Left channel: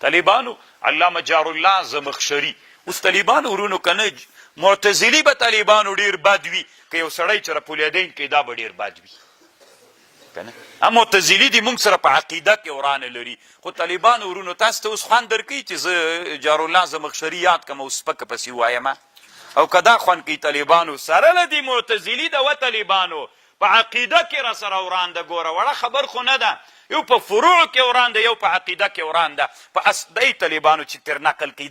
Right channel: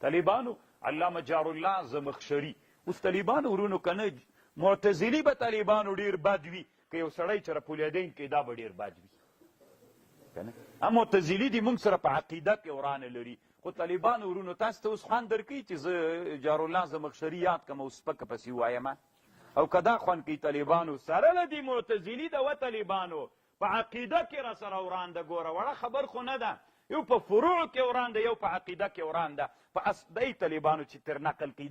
طالبانو علامه جار الله زمخشري اوس طالبانو ورونو کنه معتزلي به طالبانو ډیر بد وي که یو سړی چې رپولیدین کې دا به ډیر بد وي کنه هم معتزلي دي موږ سره په عقیده کې ورانه لري خو طالبانو ورونو تاسو ته اوس خوند درکوي چې زه جارالله زمخشري یاد کړم او سپکه پسې ووایم او که دا خوند کوي طالبانو سره له دې معتزلي ده و طالبانو په عقیده کې را سره وران ده ګوره وړه خبر خو نه ده یو په فروع کې وران ده یو په عقیده کې وران ده په اصلي طالبانو چې تر نقل کوي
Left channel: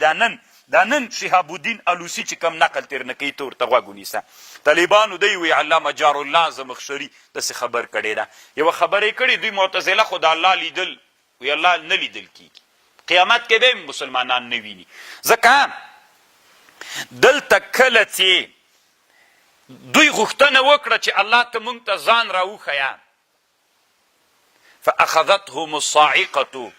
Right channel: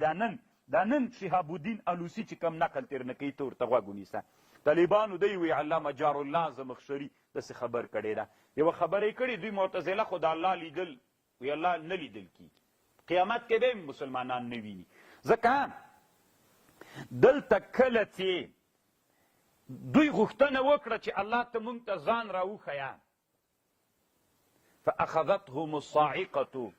دا نن شهاب الدین الوسی چې کم نقل تیر نه کوي ته ورته غوږ ونیسه طالبانو دی وی علامه جارالله زمخشري داسې خبر کړې ده یوه خبره یې کړې دوی معتزله خو د الله لیدل وی الله نه لیدل کېږي قیامت کې به مسلمانان نه ویني ځکه دلته کله چې دوی غوښتنه وکړه چې الله ته موږ ته ځان راوښیه فاخذتهم الصاعقه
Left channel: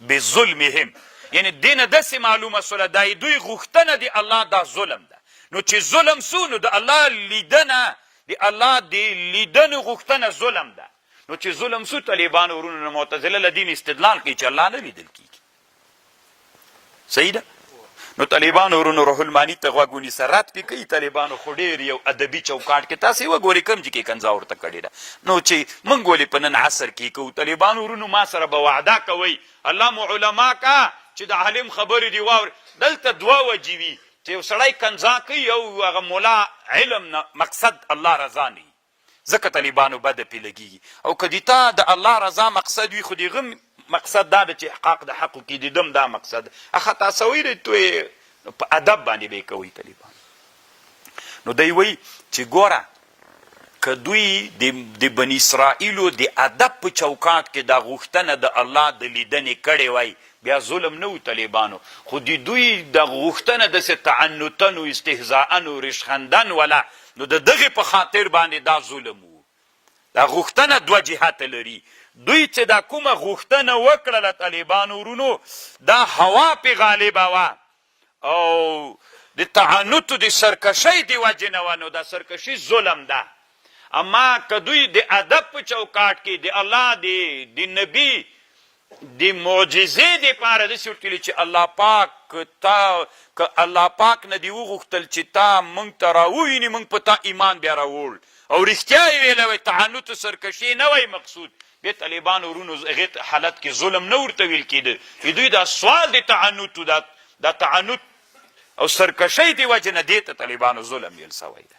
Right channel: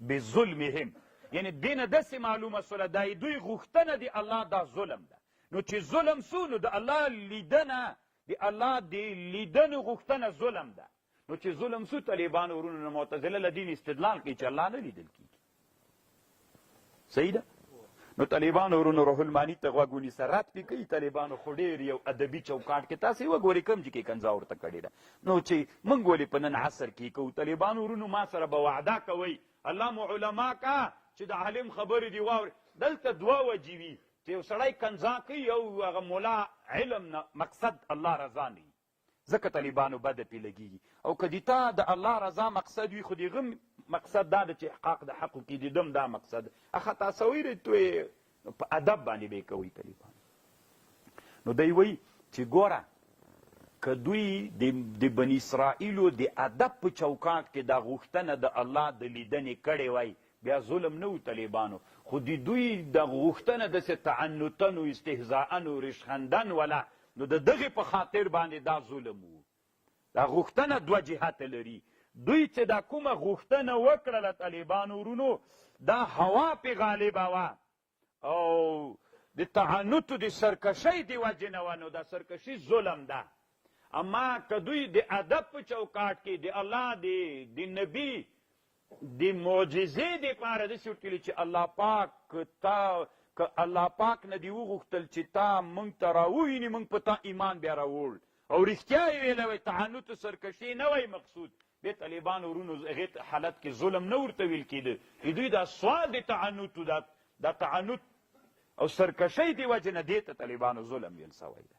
بظلمهم یعنی دینه داسې معلومه سوله دا دوی غوښتنه د الله دا ظلم ده نو چې ظلم سو نو د الله لیدنه د الله د لیدنې غوښتنه ظلم ده نو چې ظلم سو طالبانو ورونو نه معتزله له دین استدلال کوي چې الله نه لیدل کېږي صحیح ده نو طالبانو ورونو روح المانی ته غوږ ونیسه رد پې کوي طالبانو خو ډېر یو ادبي چوکاټ کې تاسې وګورئ کوم چې کې کنځا ورته کړې ده نو چې موږ ولې په نن عصر کې کوو طالبانو ورونو ما سره به وعده کوئ الله مو علما کا چې د عالم خبرې دي واوري دلته دوه وجې وي چې یو سړی کنځا کوي او هغه ملا علم نه مقصد الله رضا نه وي ځکه طالبانو بده پې لګېږي او که د تا د الله رضا مقصد وي خو د هغه مقصد دا ده چې احقاق د حقو کې د دم دا مقصد خطا سوی دی تو په ادب باندې به یې کوئ طالبان نو دی وایي چې ګوره که دوی د بني اسرائیلو د ادب په چوکاټ کې دا غوښتنه د الله د لیدنې کړې وای بیا ظلم نه و طالبانو خو د دوی د غوښتنه داسې تعنتن و استهزاءن و رشخندن ولا نو د دغې په خاطر باندې دا ظلم و دا غوښتنه دوه جهته لري دوی چې دا کومه غوښتنه وکړله طالبانو ورونو دا هوا پې غالبه وه او د تعنتو د سرکشۍ د وجې نه وه نو دا سرکشي ظلم ده اما که دوی د ادب په چوکاټ کې د الله د نبي د معجزې دپاره داسې ورتلي چې الله پاک که الله پاک نه دې وغوښتل چې تا موږ ته راوویني موږ په تا ایمان بیا راوړ او رښتیا یې ویلی وی تعنت سرکشي نه وی مقصود بیا طالبانو ورونو هغې حالت کې ظلم نه ورته ویل کېده دوی دا سوال د تعنتو دا تعنت او سرکشۍ د وجې نه دې ته طالبانو ظلم ویل سوی ده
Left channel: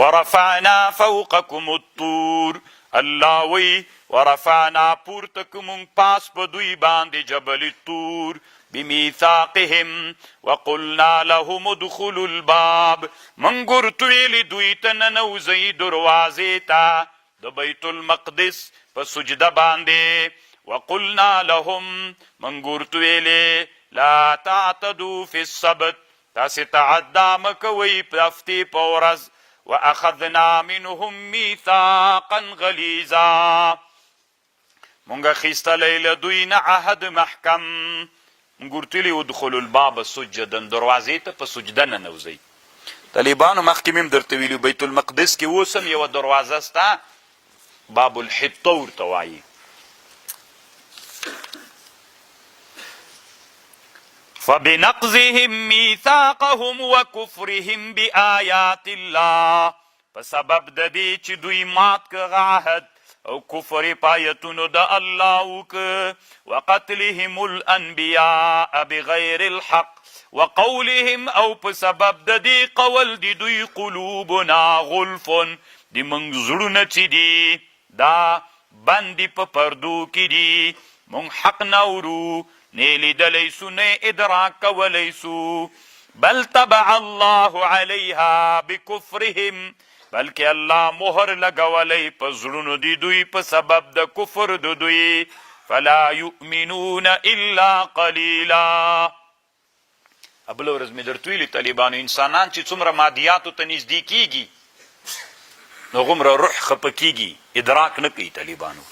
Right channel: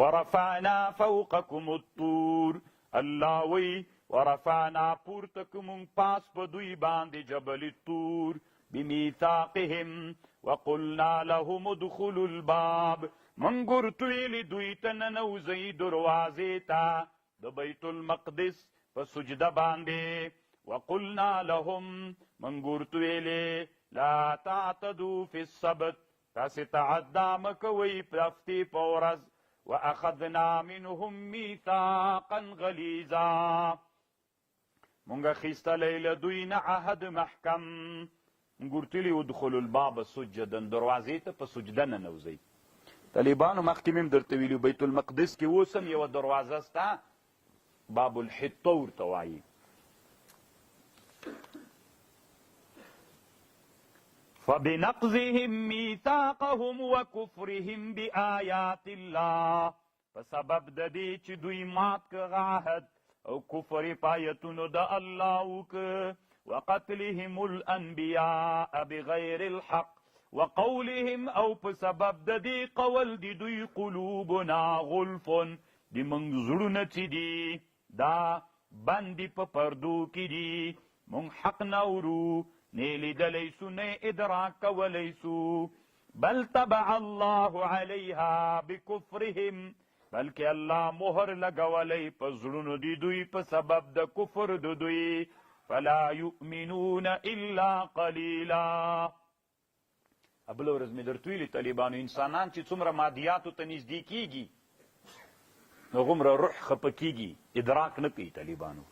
ورفعنا فوقکم الطور الله وی ورفعنا پورته که مونږ پاس په دوی باندې جبل الطور بمیثاقهم وقلنا لهم ادخلوا الباب مونږ ورته ویلي دوی ته ننوځئ دروازې ته د بیت المقدس په سجده باندې وقلنا لهم مونږ ورته ویلې لا تعتدوا فی السبت تاسې تعدا مه کوئ په هفتې په ورځ واخذنا منهم میثاقا غلیظا مونږ اخیستلی له دوی نه عهد محکم مونږ ورته ویلي ادخلوا الباب سجدا دروازې ته په سجده ننوځئ طالبانو مخکې مې هم درته ویلي بیت المقدس کې اوس هم یوه دروازه سته باب الحطه ورته وایي فبنقضهم میثاقهم وکفرهم بآیات الله په سبب د دې چې دوی مات که عهد او کفر په آیتونو د الله وکه وقتلهم الانبیاء بغیر الحق وقولهم او په سبب د دې قول د دوی قلوبنا غلف د موږ زړونه چې دي دا بندي په پردو کې دي موږ حق نه اورو نه لیدلی سو نه ادراک کولی سو بل طبع الله علیها بکفرهم بلکې الله مهر لګولی په زړونو د دوی په سبب د کفر د دوی فلا یؤمنون الا قلیلا بله ورځ مې درته ویلي طالبانو انسانان چې څومره مادیاتو ته نږدې کیږي نو هغومره روح خفه کیږي ادراک نه کوي طالبانو